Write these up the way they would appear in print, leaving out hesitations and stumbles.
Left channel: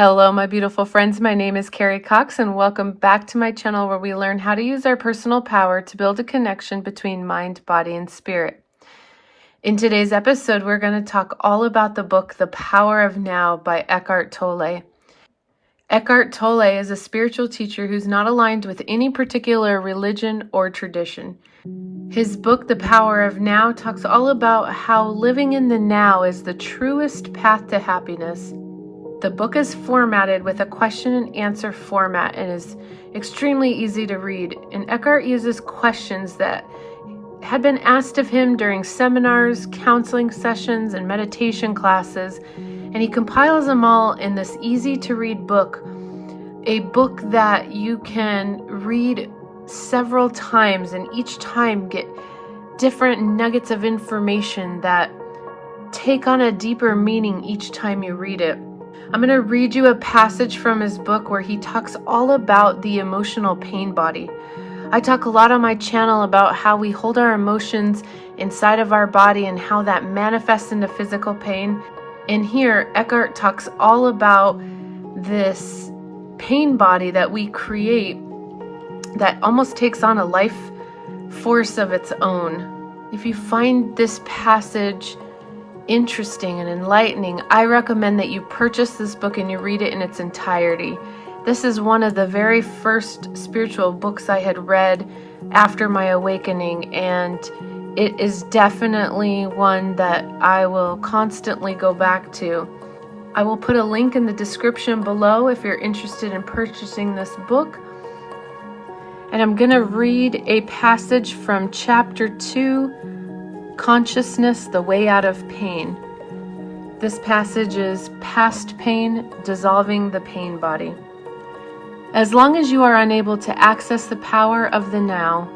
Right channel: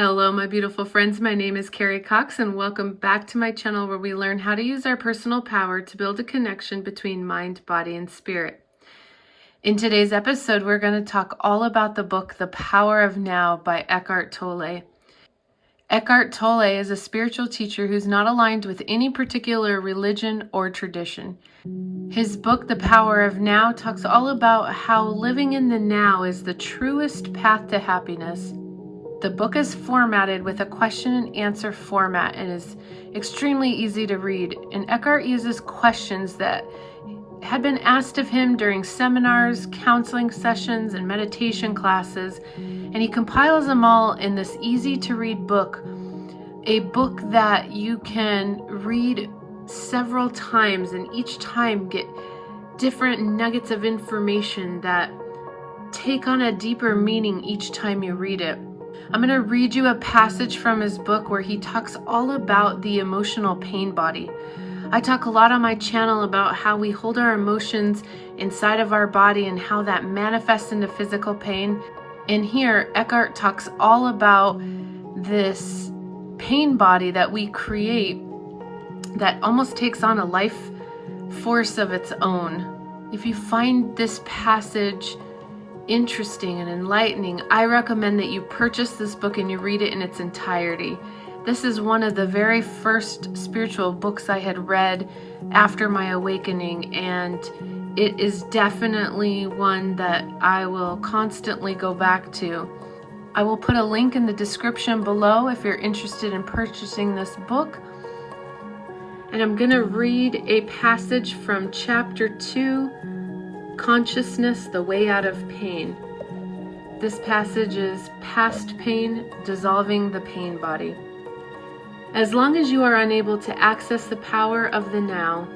Hello, my beautiful friends. My name is Carrie Cox, and welcome back to my channel where we learn how to use our personal power to build a connection between mind, body, and spirit. In today's episode, we're going to talk all about the book, The Power of Now by Eckart Tolle. Eckart Tolle is a spiritual teacher who's not aligned with any particular religion or tradition. His book, The Power of Now, talks all about how living in the now is the truest path to happiness. The book is formatted with a question and answer format and is extremely easy to read. And Eckhart uses questions that had been asked of him during seminars, counseling sessions, and meditation classes, and he compiles them all in this easy to read book, a book that you can read several times and each time get different nuggets of information that take on a deeper meaning each time you read it. I'm going to read you a passage from his book where he talks all about the emotional pain body. I talk a lot on my channel about how we hold our emotions inside of our body and how that manifests into physical pain. And here, Eckhart talks all about this pain body that we create that almost takes on a life force of its own. If you find this passage interesting and enlightening, I recommend that you purchase this book and you read it in its entirety. This is one of the very first spiritual books I had read after my awakening, and it is definitely one that I will constantly go back to. I will put a link in the description below if you're interested in purchasing this book. And I'm going to read a passage from chapter 2, Consciousness, the Way Out of Pain. This passage is Past Pain, Dissolving the Pain Body. As long as you are unable to access the power of the now,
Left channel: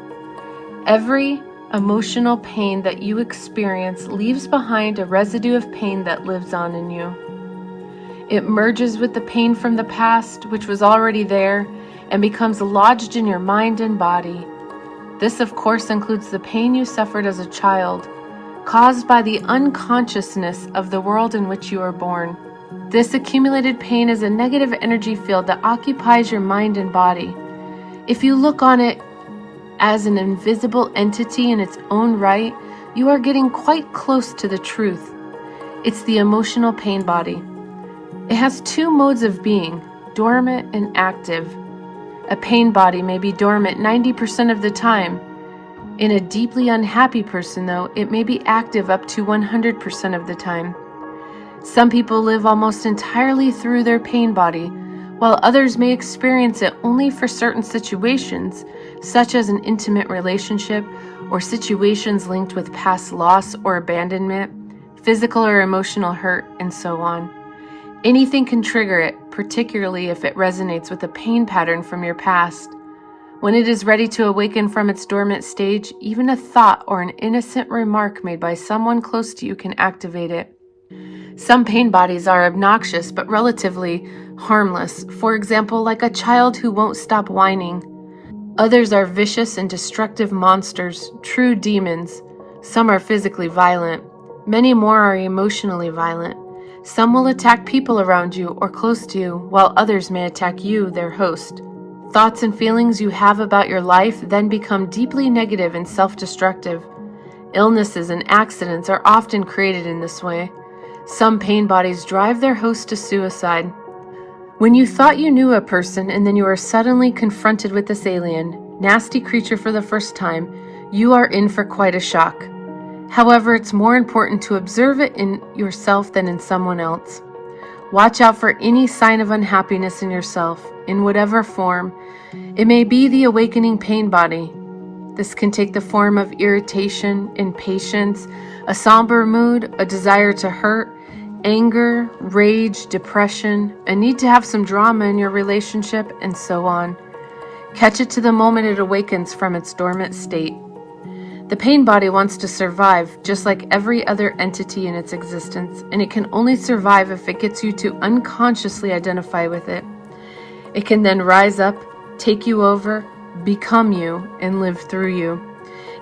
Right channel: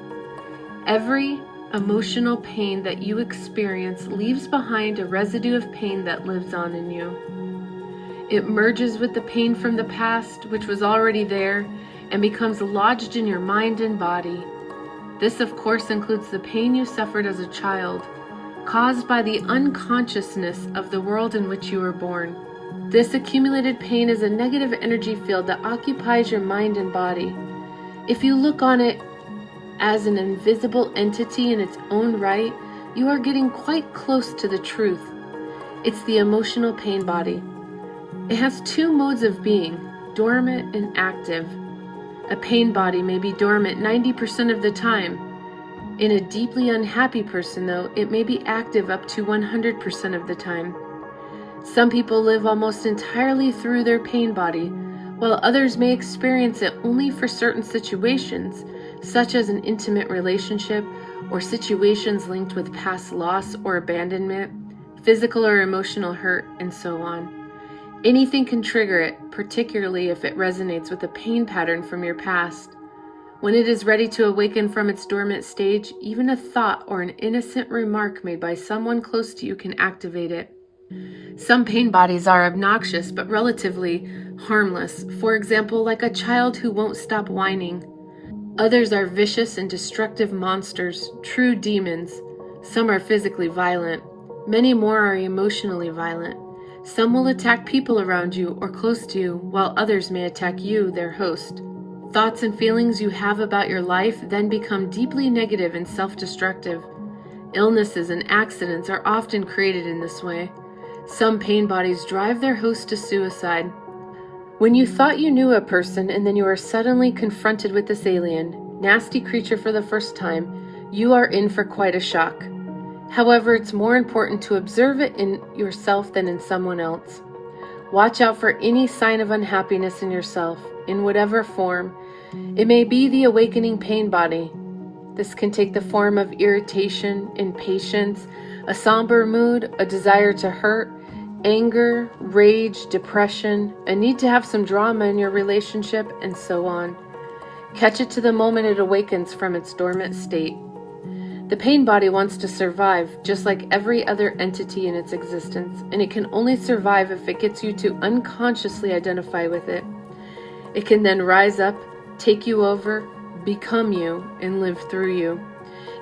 every emotional pain that you experience leaves behind a residue of pain that lives on in you. It merges with the pain from the past, which was already there, and becomes lodged in your mind and body. This, of course, includes the pain you suffered as a child, caused by the unconsciousness of the world in which you were born. This accumulated pain is a negative energy field that occupies your mind and body. If you look on it as an invisible entity in its own right, you are getting quite close to the truth. It's the emotional pain body. It has two modes of being, dormant and active. A pain body may be dormant 90% of the time. In a deeply unhappy person, though, it may be active up to 100% of the time. Some people live almost entirely through their pain body, while others may experience it only for certain situations, such as an intimate relationship or situations linked with past loss or abandonment, physical or emotional hurt, and so on. Anything can trigger it, particularly if it resonates with a pain pattern from your past. When it is ready to awaken from its dormant stage, even a thought or an innocent remark made by someone close to you can activate it. Some pain bodies are obnoxious but relatively harmless, for example, like a child who won't stop whining. Others are vicious and destructive monsters, true demons. Some are physically violent. Many more are emotionally violent. Some will attack people around you or close to you, while others may attack you, their host. Thoughts and feelings you have about your life then become deeply negative and self-destructive. Illnesses and accidents are often created in this way. Some pain bodies drive their host to suicide. When you thought you knew a person and then you are suddenly confronted with this alien, nasty creature for the first time, you are in for quite a shock. However, it's more important to observe it in yourself than in someone else. Watch out for any sign of unhappiness in yourself, in whatever form. It may be the awakening pain body. This can take the form of irritation, impatience, a somber mood, a desire to hurt, anger, rage, depression, a need to have some drama in your relationship, and so on. Catch it to the moment it awakens from its dormant state. The pain body wants to survive, just like every other entity in its existence, and it can only survive if it gets you to unconsciously identify with it. It can then rise up, take you over, become you, and live through you.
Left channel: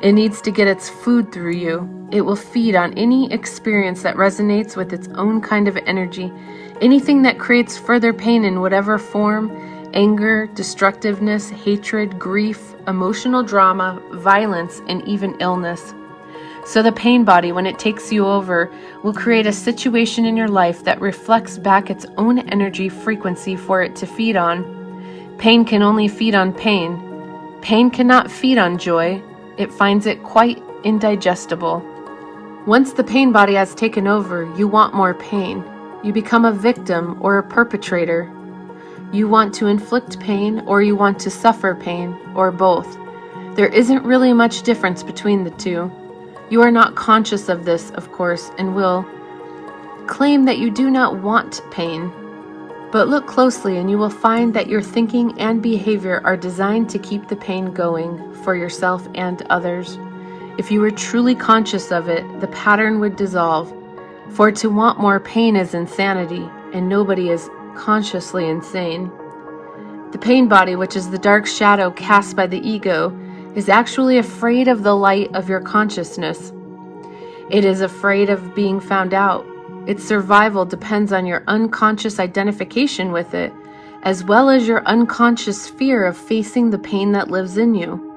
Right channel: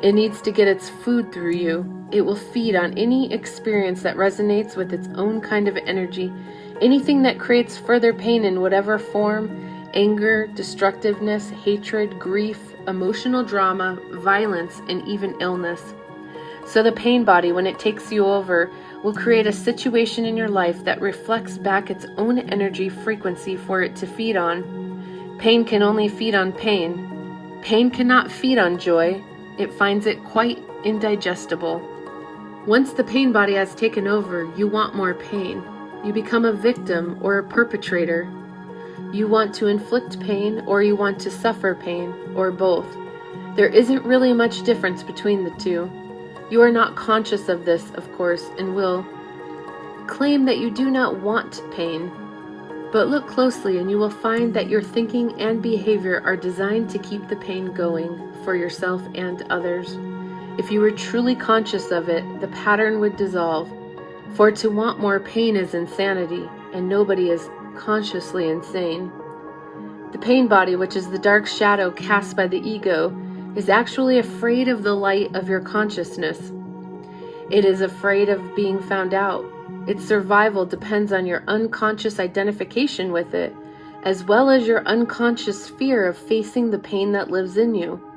It needs to get its food through you. It will feed on any experience that resonates with its own kind of energy Anything that creates further pain in whatever form: anger, destructiveness, hatred, grief, emotional drama, violence, and even illness. So the pain body, when it takes you over, will create a situation in your life that reflects back its own energy frequency for it to feed on. Pain can only feed on pain. Pain cannot feed on joy. It finds it quite indigestible. Once the pain body has taken over, you want more pain. You become a victim or a perpetrator. You want to inflict pain, or you want to suffer pain, or both. There isn't really much difference between the two. You are not conscious of this, of course, and will claim that you do not want pain. But look closely and you will find that your thinking and behavior are designed to keep the pain going for yourself and others. If you were truly conscious of it, the pattern would dissolve. For to want more pain is insanity, and nobody is consciously insane. The pain body, which is the dark shadow cast by the ego, is actually afraid of the light of your consciousness. It is afraid of being found out. Its survival depends on your unconscious identification with it, as well as your unconscious fear of facing the pain that lives in you.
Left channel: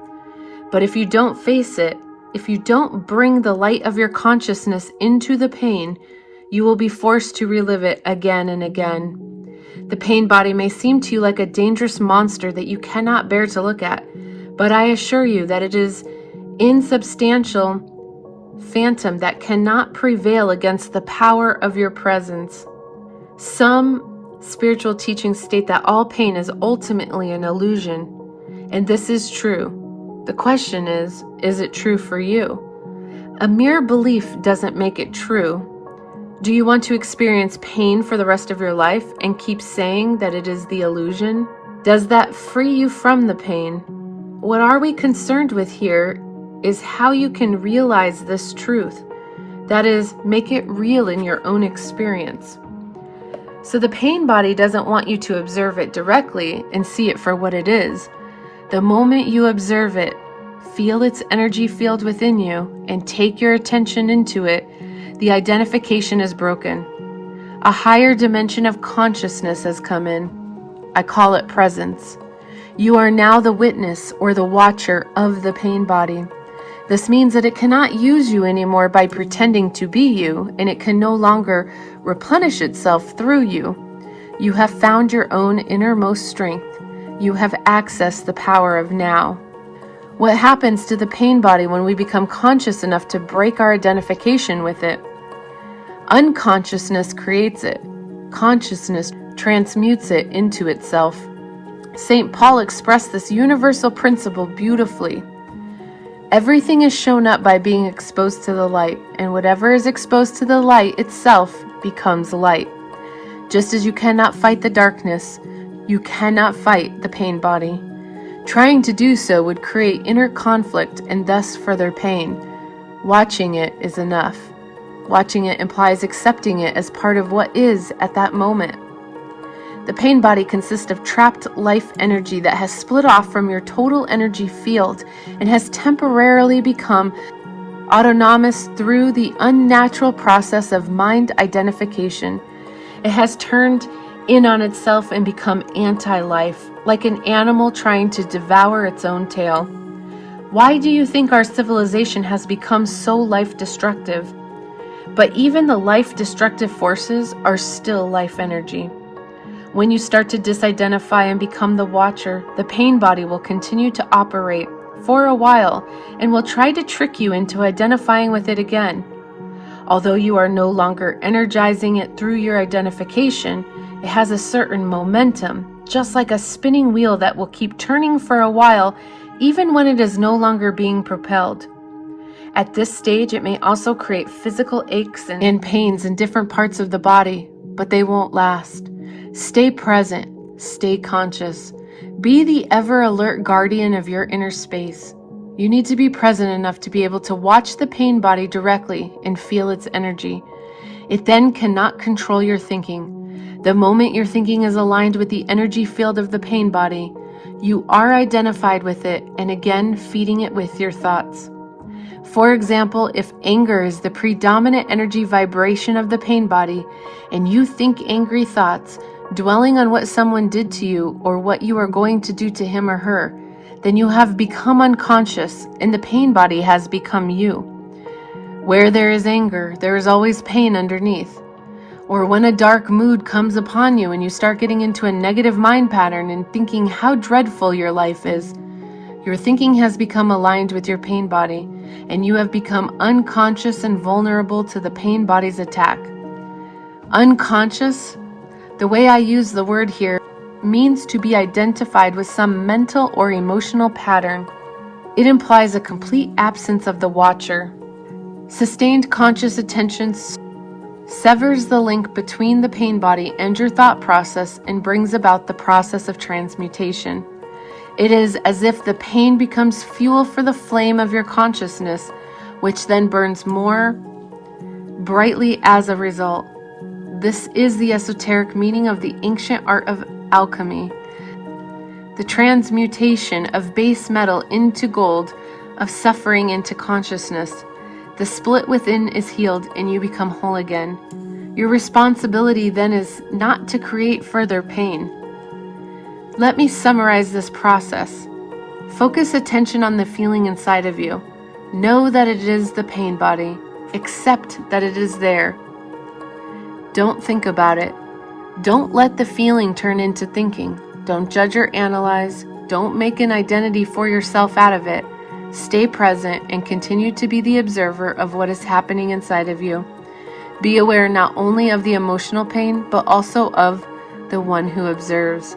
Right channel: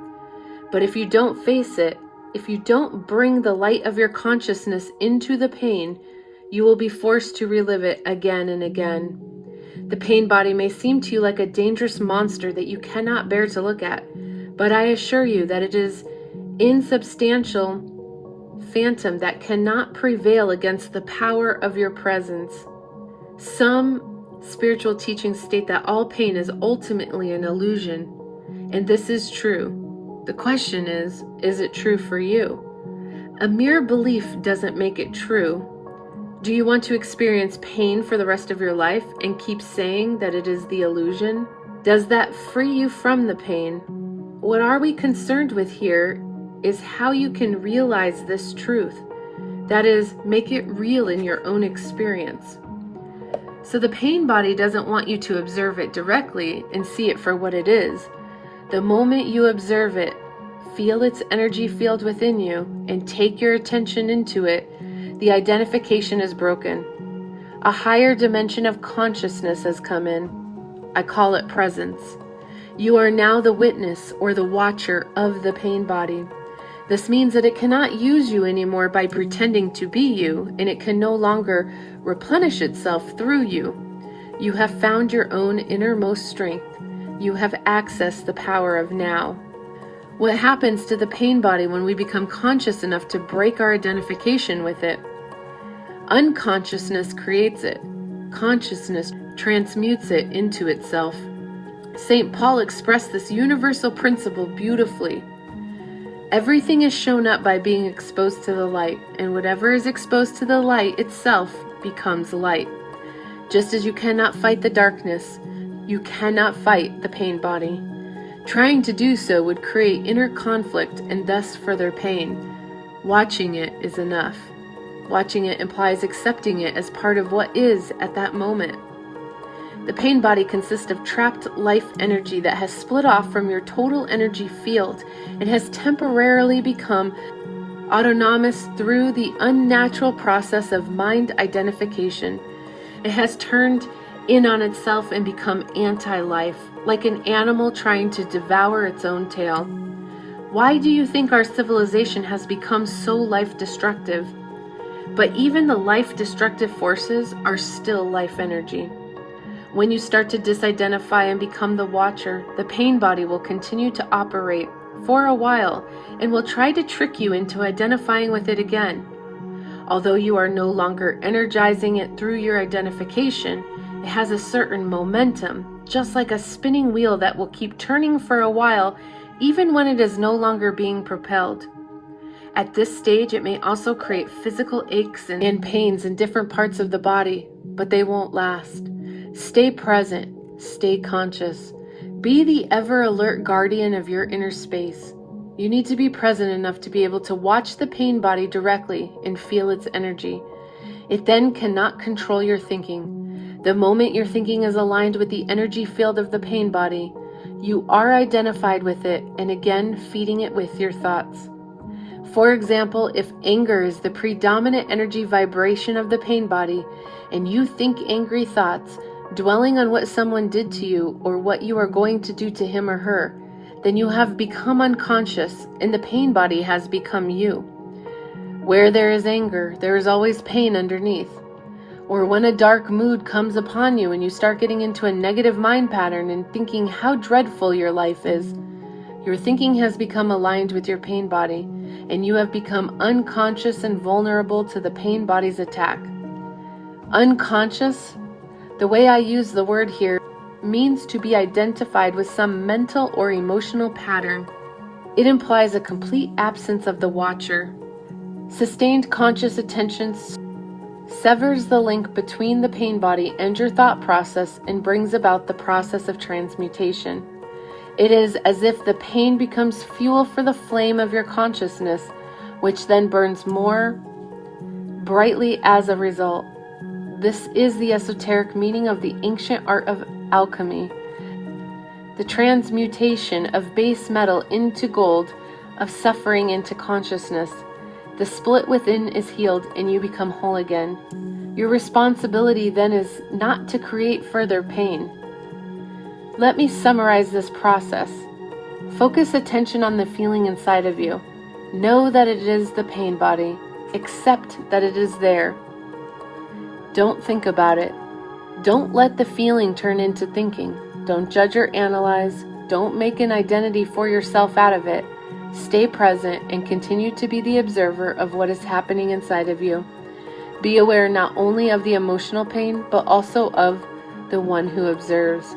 But if you don't face it, if you don't bring the light of your consciousness into the pain, you will be forced to relive it again and again. The pain body may seem to you like a dangerous monster that you cannot bear to look at, but I assure you that it is insubstantial phantom that cannot prevail against the power of your presence. Some spiritual teachings state that all pain is ultimately an illusion, and this is true. The question is it true for you? A mere belief doesn't make it true. Do you want to experience pain for the rest of your life and keep saying that it is the illusion? Does that free you from the pain? What are we concerned with here is how you can realize this truth. That is, make it real in your own experience. So the pain body doesn't want you to observe it directly and see it for what it is. The moment you observe it, feel its energy field within you, and take your attention into it, the identification is broken. A higher dimension of consciousness has come in. I call it presence. You are now the witness or the watcher of the pain body. This means that it cannot use you anymore by pretending to be you, and it can no longer replenish itself through you. You have found your own innermost strength. You have accessed the power of now. What happens to the pain body when we become conscious enough to break our identification with it? Unconsciousness creates it. Consciousness transmutes it into itself. St. Paul expressed this universal principle beautifully. Everything is shown up by being exposed to the light, and whatever is exposed to the light itself becomes light. Just as you cannot fight the darkness, you cannot fight the pain body. Trying to do so would create inner conflict and thus further pain. Watching it is enough. Watching it implies accepting it as part of what is at that moment. The pain body consists of trapped life energy that has split off from your total energy field and has temporarily become autonomous through the unnatural process of mind identification. It has turned in on itself and become anti-life, like an animal trying to devour its own tail. Why do you think our civilization has become so life-destructive? But even the life-destructive forces are still life energy. When you start to disidentify and become the watcher, the pain body will continue to operate for a while and will try to trick you into identifying with it again. Although you are no longer energizing it through your identification, it has a certain momentum, just like a spinning wheel that will keep turning for a while, even when it is no longer being propelled. At this stage, it may also create physical aches and pains in different parts of the body, but they won't last. Stay present, stay conscious. Be the ever-alert guardian of your inner space. You need to be present enough to be able to watch the pain body directly and feel its energy. It then cannot control your thinking. The moment your thinking is aligned with the energy field of the pain body, you are identified with it and again feeding it with your thoughts. For example, if anger is the predominant energy vibration of the pain body, and you think angry thoughts, dwelling on what someone did to you or what you are going to do to him or her, then you have become unconscious, and the pain body has become you. Where there is anger, there is always pain underneath. Or when a dark mood comes upon you and you start getting into a negative mind pattern and thinking how dreadful your life is, your thinking has become aligned with your pain body, and you have become unconscious and vulnerable to the pain body's attack. Unconscious, the way I use the word here, means to be identified with some mental or emotional pattern. It implies a complete absence of the watcher. Sustained conscious attention severs the link between the pain body and your thought process and brings about the process of transmutation. It is as if the pain becomes fuel for the flame of your consciousness, which then burns more brightly as a result. This is the esoteric meaning of the ancient art of alchemy. The transmutation of base metal into gold, of suffering into consciousness. The split within is healed and you become whole again. Your responsibility then is not to create further pain. Let me summarize this process. Focus attention on the feeling inside of you. Know that it is the pain body. Accept that it is there. Don't think about it. Don't let the feeling turn into thinking. Don't judge or analyze. Don't make an identity for yourself out of it. Stay present and continue to be the observer of what is happening inside of you. Be aware not only of the emotional pain, but also of the one who observes.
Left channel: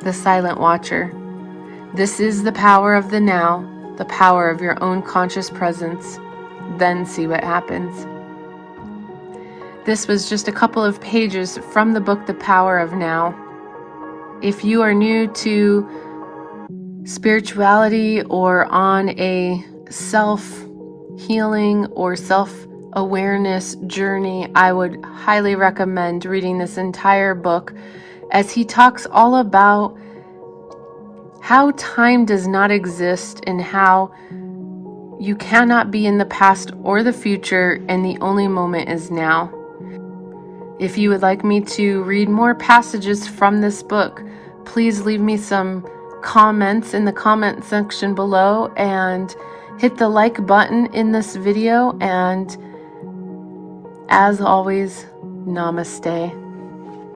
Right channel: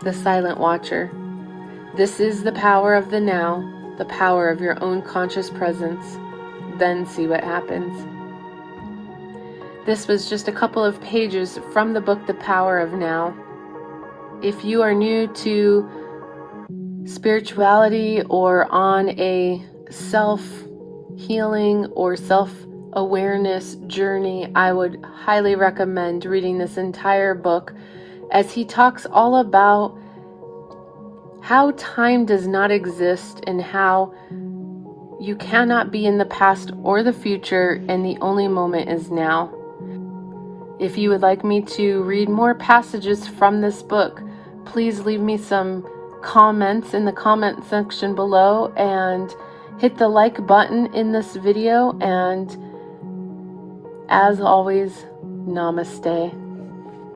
The silent watcher. This is the power of the now, the power of your own conscious presence. Then see what happens. This was just a couple of pages from the book, The Power of Now. If you are new to spirituality or on a self-healing or self-awareness journey, I would highly recommend reading this entire book, as he talks all about how time does not exist and how you cannot be in the past or the future, and the only moment is now. If you would like me to read more passages from this book, please leave me some comments in the comment section below and hit the like button in this video. And as always, namaste.